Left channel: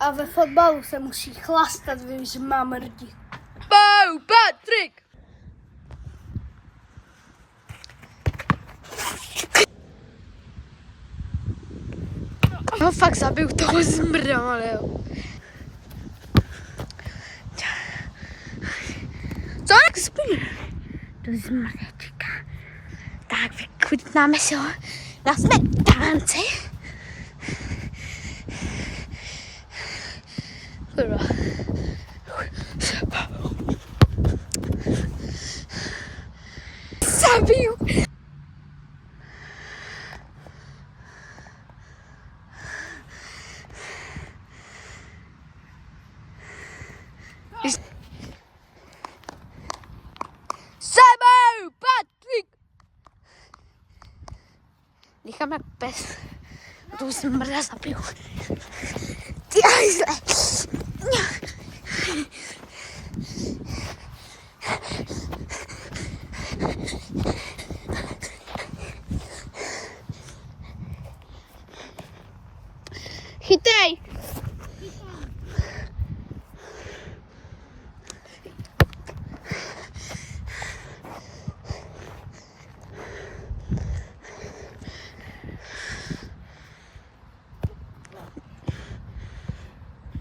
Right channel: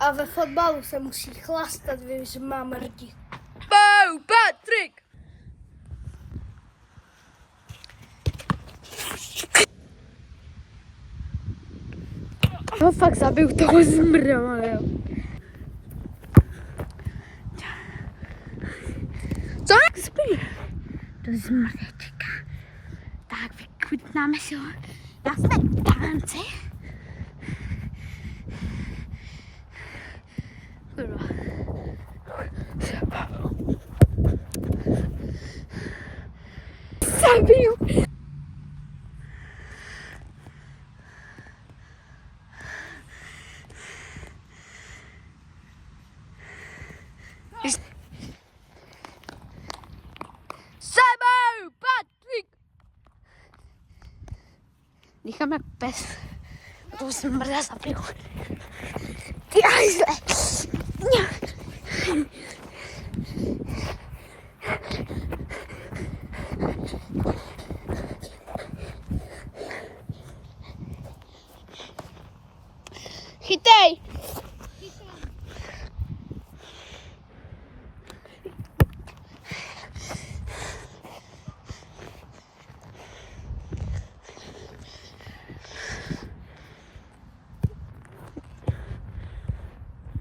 A ve fotbalu se musí chlastat, víš, že mám rdi. Bou, Patrik! No fakt zabiju toho zmrda, ale jo. Co jak spí? To zmrdečka. Tak vychutnáme si ho na smetánci. Kurva. Zabiju. Sebou, Patrik! Říkám jak pes. A toho smrda zabiju. Ty hajzle. Chytej!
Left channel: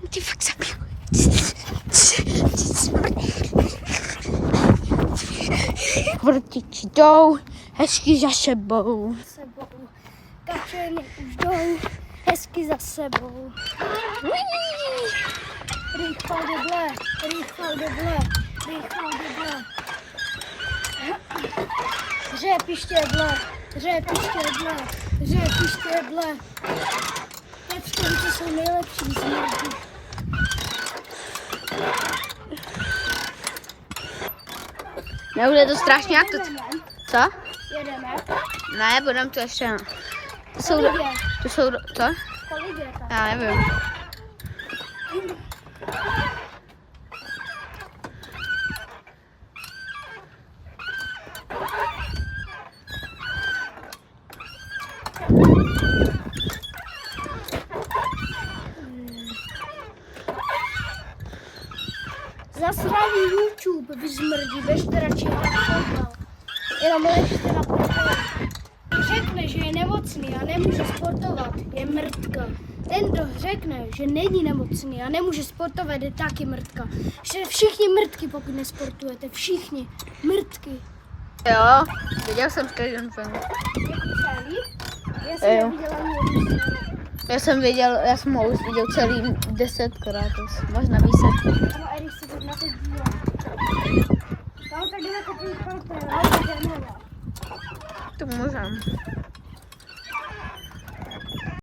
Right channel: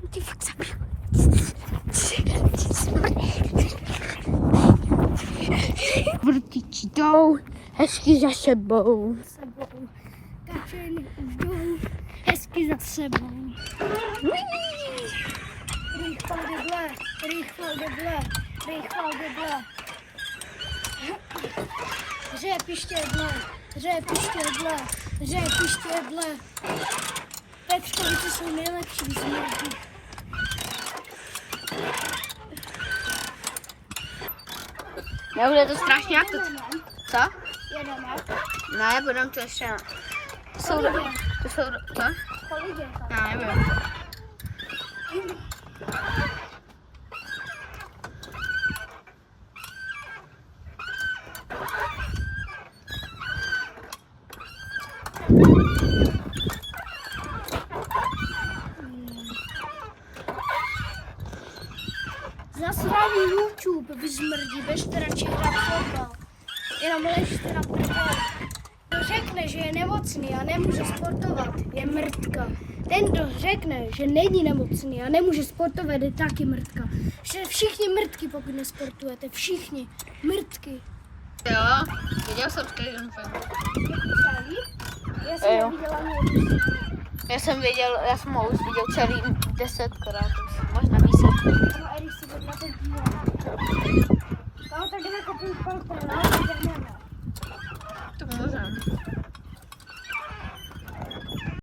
Ty fakt zabiju. Vrtiči jdou, hezky za sebou. Kačeny už jdou, hezky za sebou. Rychle deble, rychle deble, rychle deble. Řepy štědle, řepy štědle, řepy štědle. Pečkovice jsou nejlepší zmrdy. Mě už je to strašně jak to... Co? Jedeme. Ne, budem to ještě... To jsou... Co? Kolik je tam? Já nevím. Zasraný YouTube, vy zmrdí, běžte radši hrát fotbal. Jenom ležte na prdeli. Kdo řekne, že je nemocný a nemůže sportovat, je mrtka. Ten, kdo řekne, že není nemocný a nemůže sportovat, je taky mrtka. Že všichni mrtky, pokud nesportujete, všichni mrtky. Jo, viděl jsem ten film. Celý? Já jsem neviděla ani. Já jsem ho už viděl celý 10krát, možná více. No a když si to na to díle. No tak jdeme koupit partnera, ale jdeme. To můžem.